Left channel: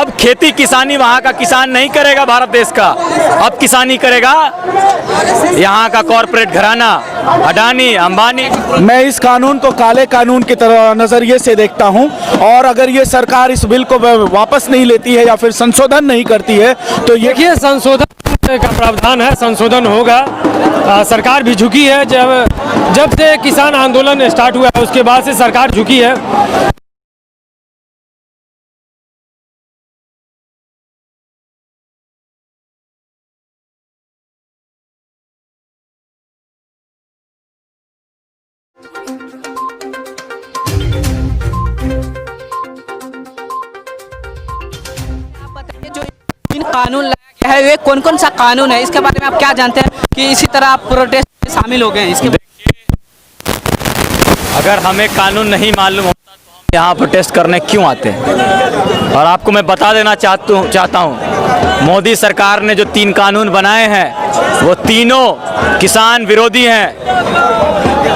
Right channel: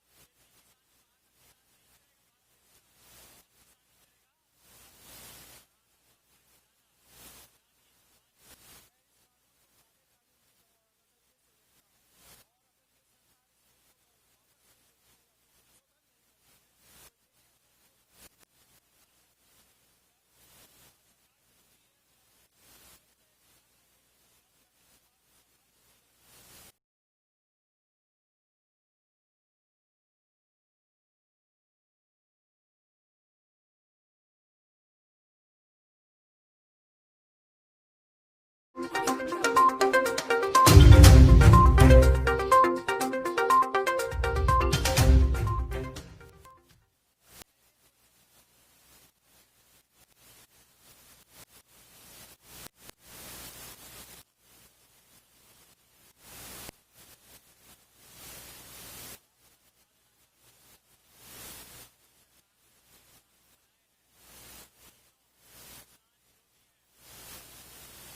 अब खेती किसानी वहाँ का किसान नहीं करेगा भारत देश का, अब किसानी करेगा यहाँ का कॉरपोरेट घराना, अडानी, अंबानी। मैं इस कानून को काले कानून की तरह नजरिए से देखता हूं, और अगर ये सरकार इस बिल को वापस नहीं लेती है या फिर संशोधन नहीं करती है तो ये देखिए, संशोधन का प्रावधान है, संशोधन होगा। सरकार भी झुकी है। जब से किसान आंदोलन स्टार्ट हुआ है उसके बाद से सरकार झुकी है। कानून लाया गया है, वे कौन कौन सा कानून है, इसके बारे में आप क्या जानते हैं कि इसी तरह आप प्रोटेस्ट में शामिल हो गए हैं? इसके अगर हमें कानून नहीं मालूम होता तो हम यहाँ प्रोटेस्ट करने क्यों आते हैं? और आपको मैं बता देना चाहता हूँ, मोदी सरकार ने जो 3 कानून बनाए हैं वो तीनों किसान विरोधी हैं।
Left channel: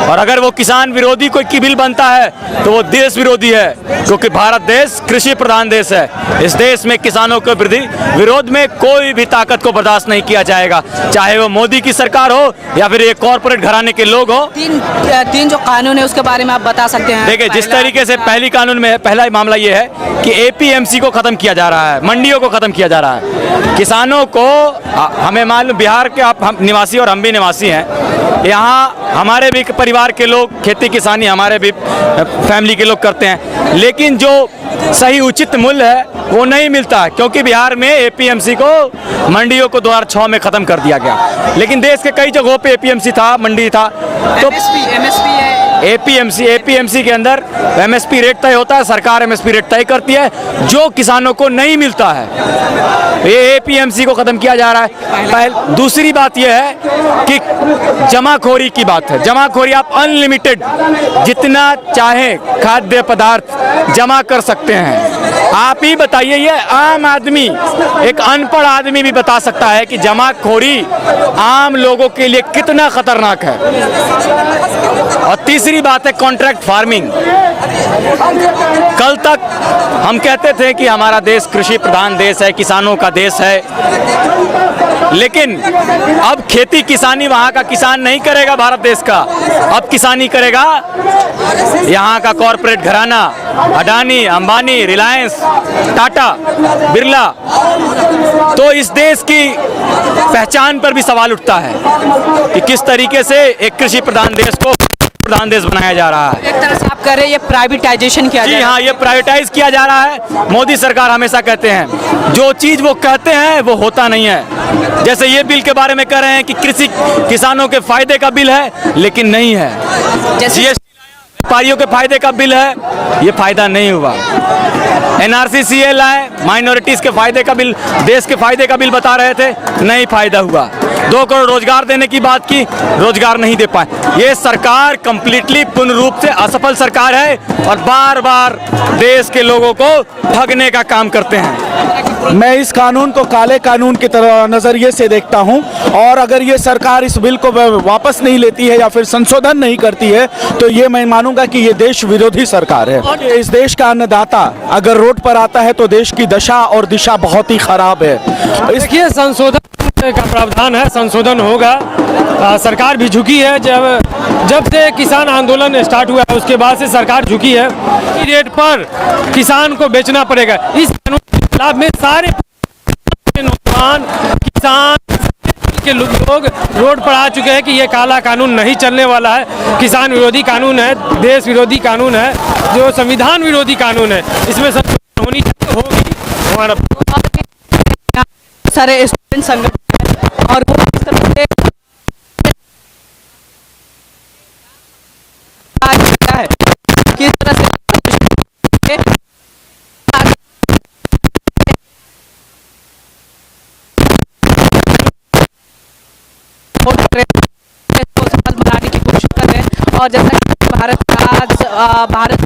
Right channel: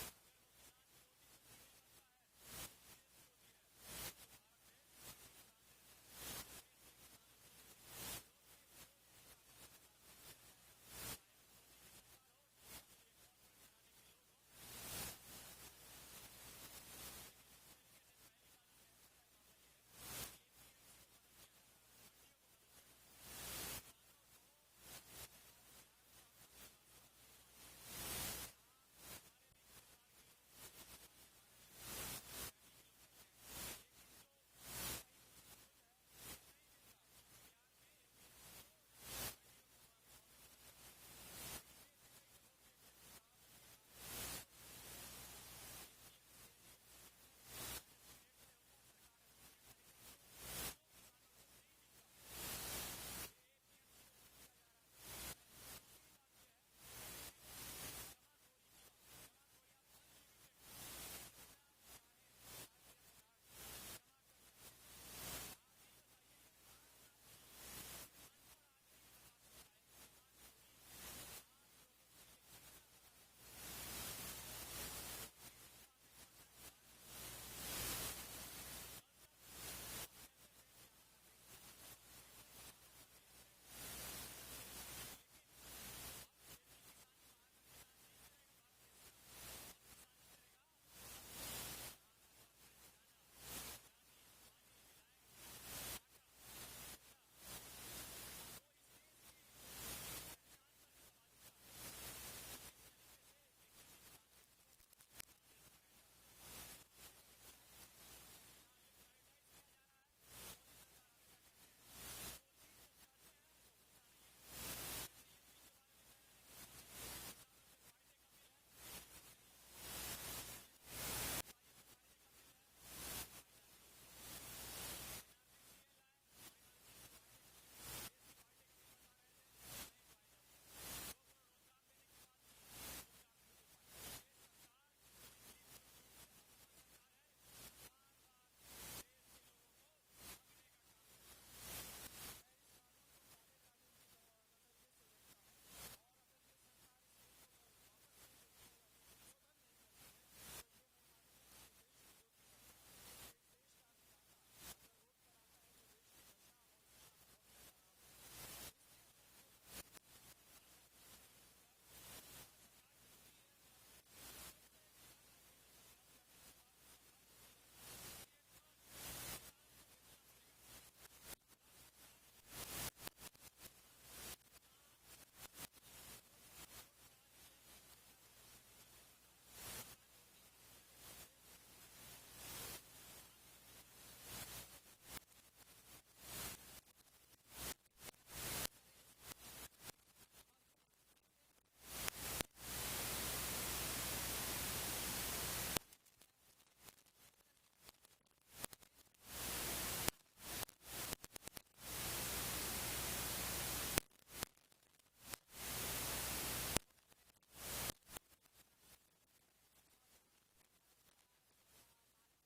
और अगर वो किसान विरोधी कोई की बिल बनता है तो वो देश विरोधी है, क्योंकि भारत देश कृषि प्रधान देश है। इस देश में किसानों के विरोध में कोई भी ताकत को बर्दाश्त नहीं किया जाएगा, चाहे वो मोदी की सरकार हो या फिर ये कॉरपोरेट घराने के लोग हो। तीन जो कानून है उसके बारे में आप बता सकते हैं? देखिए, जिस तरीके से पहली कानून में पहला मामला ये है कि एपीएमसी को खत्म किया जा रहा है, मंडियों को खत्म किया जा रहा है। किसानों को, हमें मालूम, बिहार के हम निवासी और हम भी निवासी हैं, यहाँ हमारे भी परिवार के लोग खेती किसानी, हमारे भी फैमिली के लोग करते हैं, लेकिन जो सही उचित मूल्य है वो नहीं मिलता, क्योंकि बिहार में एपीएमसी को मंडियों को 2006 में खत्म कर दिया गया। लेकिन देश के कई जगहों पे एपीएमसी था, मंडी था। तो एमएसपी है। एपीएमसी के अंदर एमएसपी रेट तय होता है, सरकार एमएसपी रेट तय करती है, जो किसानों को नहीं मिलता है। ये एपीएमसी को खत्म किया जा रहा है। दूसरी बात यह है कि जमाखोरी की बात है। जमाखोरी, आप अनलिमिटेड जितना चाहे खाद्य पदार्थ जमा कर सकते हैं। आप ही बताइए, ये आम आदमी, एक अनपढ़ आदमी भी बता सकता है कि जमाखोरी आम लोगों के लिए कितना खतरनाक है। और तीसरी बात है कॉन्ट्रैक्ट फार्मिंग। कल तक हम कहते थे कि हमारा देश कृषि प्रधान देश है, किसानों का देश है, लेकिन अब खेती किसानी वहाँ का किसान नहीं करेगा भारत देश का, अब किसानी करेगा यहाँ का कॉरपोरेट घराना, अडानी, अंबानी, रिलायंस, टाटा, बिरला। तो इस देश की पहचान पर भी सवाल उठता है कि किस तरीके से एक कृषि प्रधान देश को प्रधान देश बनाया जा रहा है। एक तरह से आप कह रहे हैं ये प्राइवेटाइजेशन किया जा रहा है। जी हाँ, ये प्राइवेटाइज किया जा रहा है। मोदी सरकार हमेशा कहते हैं, जो चीज वो कहते हैं वो होता नहीं है। जैसे ये बिल के बारे में कह रहे हैं कि कृषि किसानों के फायदे का बिल है, लेकिन नहीं है। जैसे व्यापारियों के फायदे का बिल है, ये फायदा नहीं हुआ। एनआरसी लाए, माइनॉरिटीज के फायदे का बिल, देश के फायदे का बिल बता रहे थे, नहीं फायदा हुआ। 2 करोड़ रोजगार देने की बात की, रोजगार नहीं दे पाए। ये सरकार कंप्लीटली पूर्ण रूप से असफल सरकार है और बार बार देश के लोगों को ठगने का काम करते हैं। मैं इस कानून को काले कानून की तरह नजरिए से देखता हूं, और अगर ये सरकार इस बिल को वापस नहीं लेती है या फिर संशोधन नहीं करती है तो ये मैं मानूंगा कि ये देश विरोधी सरकार है। इस देश का अन्नदाता अगर रोड पर आता है तो देश की दशा और दिशा बहुत ही खराब है। देखिए, संशोधन का प्रावधान है, संशोधन होगा। सरकार भी झुकी है। जब से किसान आंदोलन स्टार्ट हुआ है उसके बाद से सरकार झुकी है। रेट पर किसान को बेचना पड़ेगा। इस कानून के खिलाफ में सारे नौजवान, किसान के लोग रोड पर आ चुके हैं कि ये काला कानून नहीं चलने वाला है। किसान विरोधी कानून है, देश विरोधी कानून है, जो संविधान विरोधी कानून है। इसमें संशोधन होनी चाहिए, होगी। हमारा सारे स्टूडेंट संगठन है और वो इस तरह से है किस तरह से बनाने की कोशिश कर रहे हैं। और जैसा कि भारत